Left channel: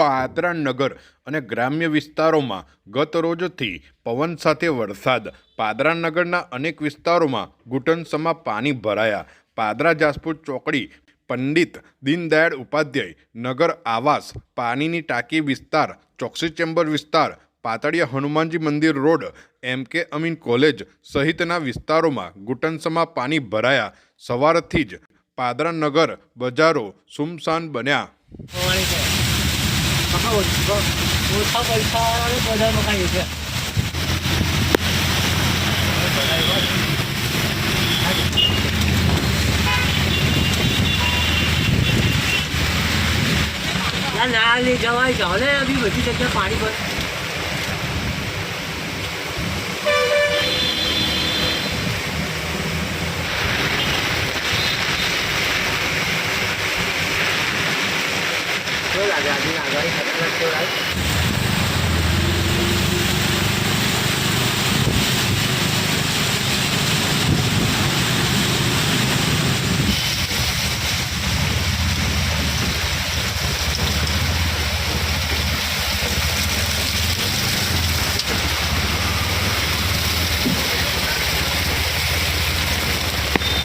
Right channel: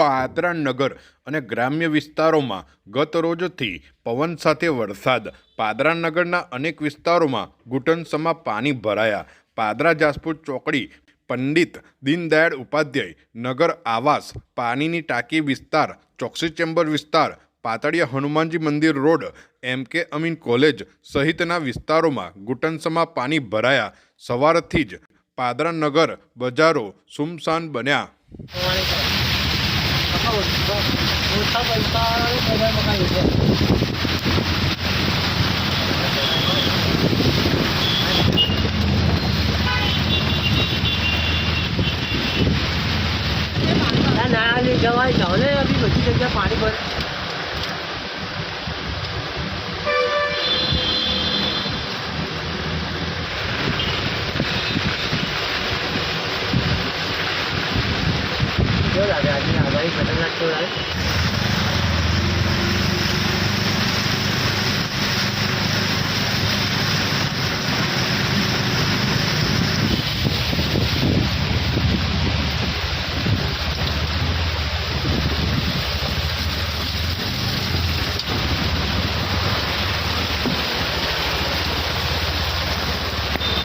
પાદરા નગર અને ગ્રામ્ય વિસ્તારોમાં ગત રોજથી પવન સાથે વરસાદ. પાદરા નગરના અનેક વિસ્તારોમાં ઘૂંટણસમા પાણી ભરાયા. પાદરા જાસપુર ચોકડી, પંડિત દીનદયાળ ઉપાધ્યાય નગર આવાસ, પાણીની ટાંકી વિસ્તાર, ચોકસી ચેમ્બર વિસ્તાર, પાતળિયા હનુમાનજી મંદિર રોડ, MK અમીન કોલેજ સહિતના વિસ્તારોમાં ઘૂંટણસમા પાણી ભરાયા. સવારથી જ પાદરા નગર બજારો સુમસાન બન્યા. ઓછા પૈસા બજારમાં ખાઈ છે. ના લઈ જવાય જાઓ ને, અભી બધી જગ્યા પાણી ભર. લાગે આજે આગાહી ખતરનાક તો